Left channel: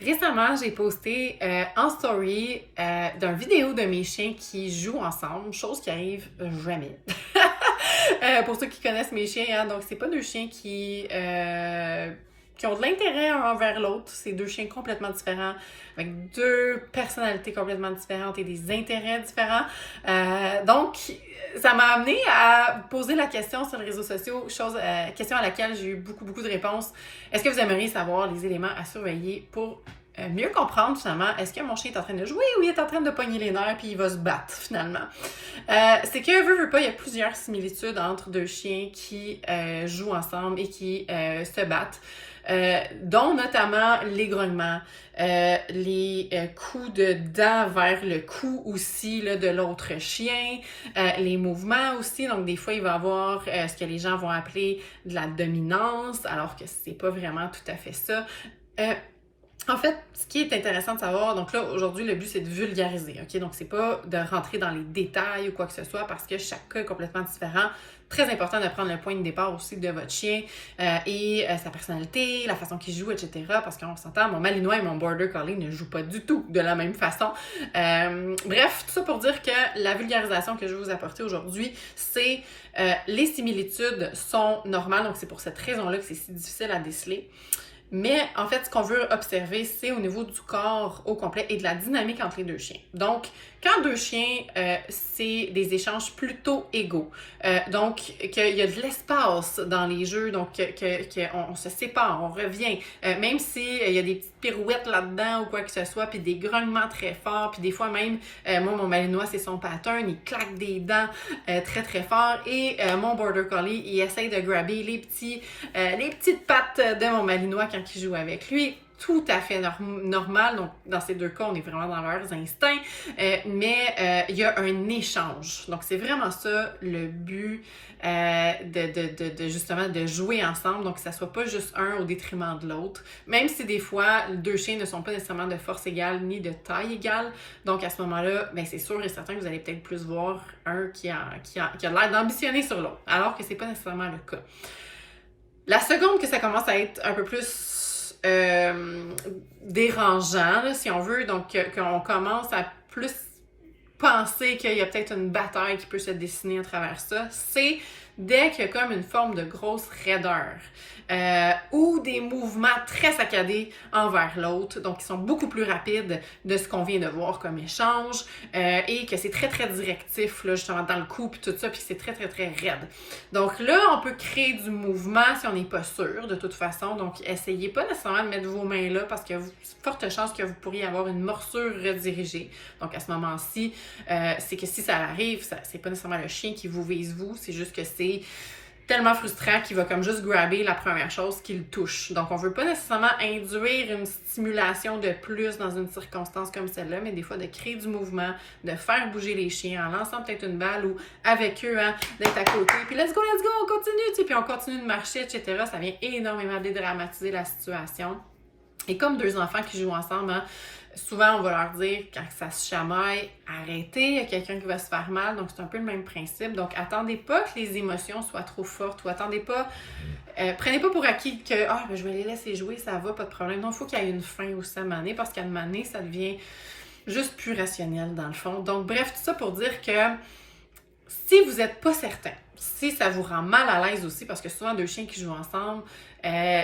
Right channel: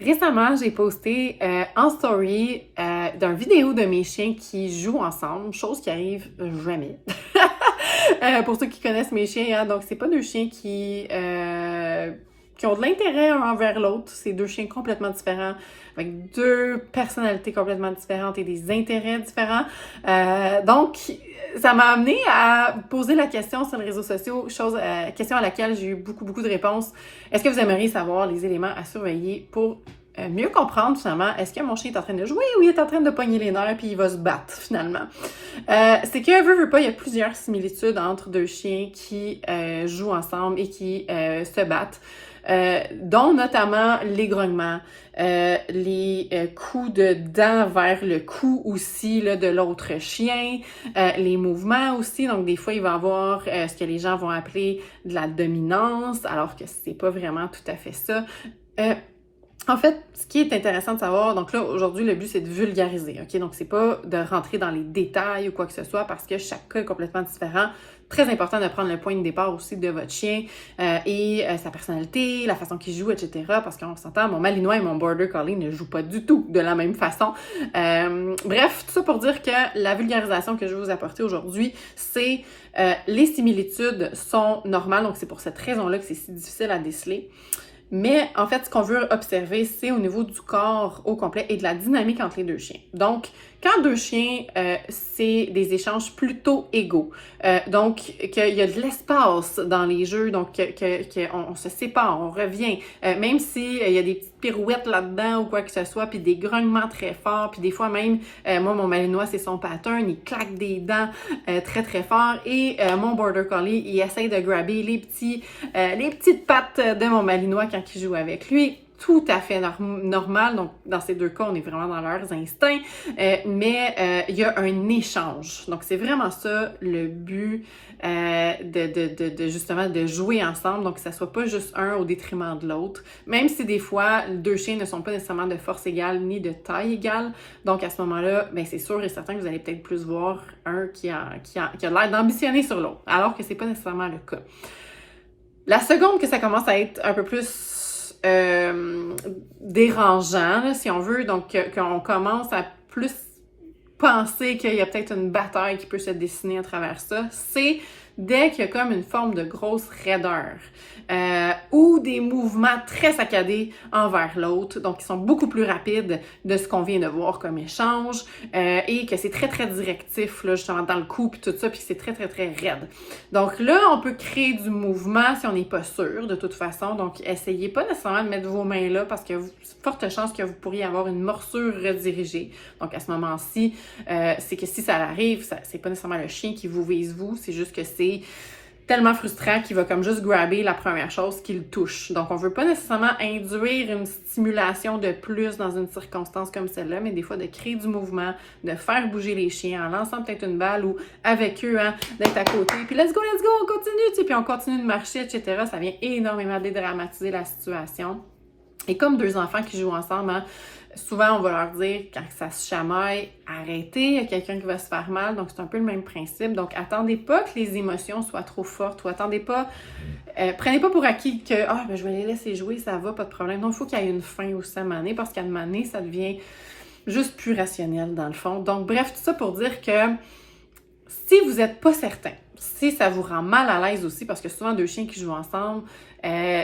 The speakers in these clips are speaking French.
Récemment, j'ai posté en story d'une vidéo de mes chiens qui jouent ensemble, chose qui arrive jamais. Pour ceux qui connaissent mes chiens, hein, donc c'est pas deux chiens qui ont de l'intérêt un envers l'autre. C'est deux chiens complètement différents, avec deux personnalités complètement différentes et des intérêts différents. Donc, ça m'a amené à poser la question sur les réseaux sociaux, question à laquelle j'ai eu beaucoup de réponses. Est-ce que vous aimeriez savoir les éléments à surveiller pour mieux comprendre finalement, est-ce que mon chien est en train de jouer ou il est en train de pogner les nerfs puis il va se battre finalement? C'est que, veux pas, il y a plusieurs similitudes entre deux chiens qui jouent ensemble et qui se battent. Dont notamment les grognements, les coups de dents vers le cou aussi là, de l'autre chien, les mouvements aussi. Donc, des fois, il va y avoir ce que les gens vont appeler de la dominance, alors que c'est pas vraiment tout à fait ça. En fait, ce qui est intéressant de savoir, donc là, aujourd'hui, le but, c'est de vulgariser, OK? Donc, c'est pas de rentrer dans les détails ou quoi que ce soit parce que chaque cas est complètement différent. Très important de prendre le point de départ aussi de votre chien et sa personnalité, la façon qu'il joue, etc. Parce qu'on s'entend, mon Malinois et mon Border Collie ne jouent pas du tout de la même façon. Bref, tout ça pour dire que la vulgarisation que je vais vous apporter aujourd'hui, c'est les similitudes sont normales, donc c'est pour cette raison-là que c'est si difficile à déceler. Mais en fait, ce qu'on veut observer, c'est au niveau du corps au complet et de la dynamique entre les deux chiens. Donc, quand deux chiens, c'est des échanges plutôt égaux. Donc, qu'il y a de l'espace dans les jeux, donc qu'on se sépare, on revient. Même s'il y a des petites pirouettes là-dedans ou quoi que ce soit, puis des grognements très forts, puis des fois même, moi, mon Malinois, c'est son pattern, il claque des dents très fort. Et mon Border Collie, il essaye de grabber les petites pattes de mon Malinois quand il joue avec lui. Tout à fait normal. Donc, dans ces deux cas, on est vraiment dans leurs instincts, mais il y a un échange. Donc, c'est vraiment ça le but justement de jouer ensemble. Donc, que ça soit pas juste un au détriment de l'autre. Même si des fois, deux chiens ne sont pas nécessairement de force égale ni de taille égale. Donc, à ce moment-là, ben, c'est sûr et certain que vous allez peut-être plus voir un qui a l'air d'ambitionner sur l'autre, alors que c'est pas nécessairement le cas. La seconde que ça commence à être un peu plus dérangeant, là, si on veut, donc qu'on commence à plus penser qu'il y a peut-être une bataille qui peut se dessiner à travers ça, c'est dès qu'il y a comme une forme de grosse raideur ou des mouvements très saccadés envers l'autre, donc qui sont beaucoup plus rapides de ce qu'on vient de voir comme échange et que c'est très directif, là, justement dans le coup puis tout ça, puis c'est très raide. Donc là, on peut créer du mouvement si on n'est pas sûr de toute façon, donc essayez pas nécessairement de mettre vos mains là parce que forte chance que vous pourriez avoir une morsure redirigée. Donc à ce moment-ci, c'est que si ça arrive, c'est pas nécessairement le chien qui vous vise vous, c'est juste que c'est tellement frustrant qu'il va comme juste grabber la première chose qu'il touche. Donc, on veut pas nécessairement induire une stimulation de plus dans une circonstance comme celle-là, mais des fois de créer du mouvement, de faire bouger les chiens en lançant peut-être une balle ou avec eux, hein, d'être à côté. Puis let's go, on continue, tu sais, puis on continue de marcher, etc. Ça vient énormément dédramatiser la situation. Et comme deux enfants qui jouent ensemble, hein, souvent, on va leur dire, quand ça se chamaille, arrêtez, il y a quelqu'un qui va se faire mal. Donc, c'est un peu le même principe. Donc, attendez pas que les émotions soient trop fortes ou attendez pas, prenez pas pour acquis que, je vais les laisser jouer, ça va, pas de problème. Non, il faut qu'il y ait une fin aussi à un moment donné, parce qu'à un moment donné, ça devient juste plus rationnel dans le fond. Donc, bref, tout ça pour dire que si vous n'êtes pas certain, si ça vous rend mal à l'aise aussi, parce que souvent, deux chiens qui jouent ensemble,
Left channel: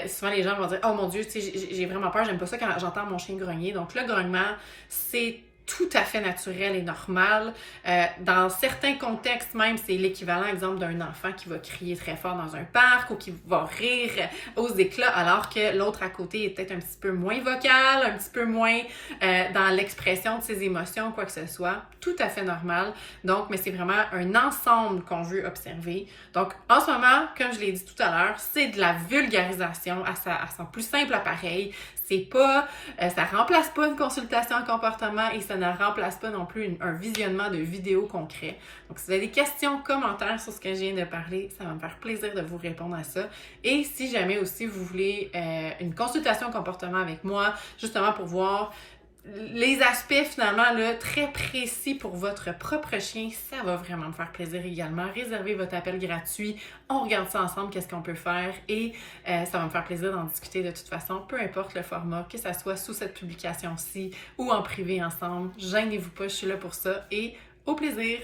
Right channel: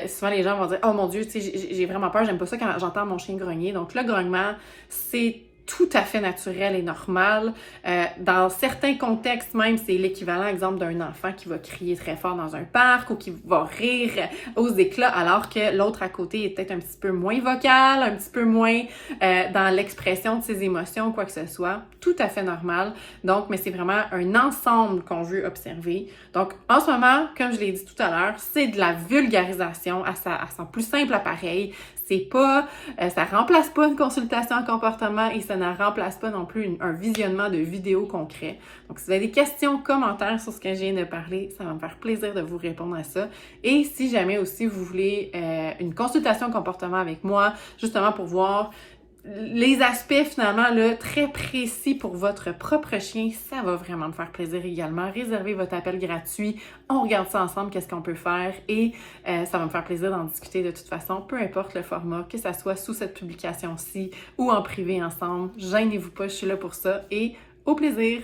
souvent les gens vont dire « Oh mon Dieu, j'ai vraiment peur, j'aime pas ça quand j'entends mon chien grogner. » Donc le grognement, c'est tout à fait naturel et normal. Dans certains contextes même, c'est l'équivalent, exemple, d'un enfant qui va crier très fort dans un parc ou qui va rire aux éclats, alors que l'autre à côté est peut-être un petit peu moins vocal, un petit peu moins dans l'expression de ses émotions, quoi que ce soit. Tout à fait normal. Donc, mais c'est vraiment un ensemble qu'on veut observer. Donc, en ce moment, comme je l'ai dit tout à l'heure, c'est de la vulgarisation à son plus simple appareil. C'est pas, ça remplace pas une consultation en comportement et ça ne remplace pas non plus un visionnement de vidéos concrets. Donc, si vous avez des questions, commentaires sur ce que je viens de parler, ça va me faire plaisir de vous répondre à ça. Et si jamais aussi vous voulez une consultation en comportement avec moi, justement pour voir les aspects finalement là, très précis pour votre propre chien, ça va vraiment me faire plaisir également. Réservez votre appel gratuit, on regarde ça ensemble, qu'est-ce qu'on peut faire et ça va me faire plaisir d'en discuter de toute façon, peu importe le format, que ça soit sous cette publication-ci ou en privé ensemble. Gênez-vous pas, je suis là pour ça et au plaisir!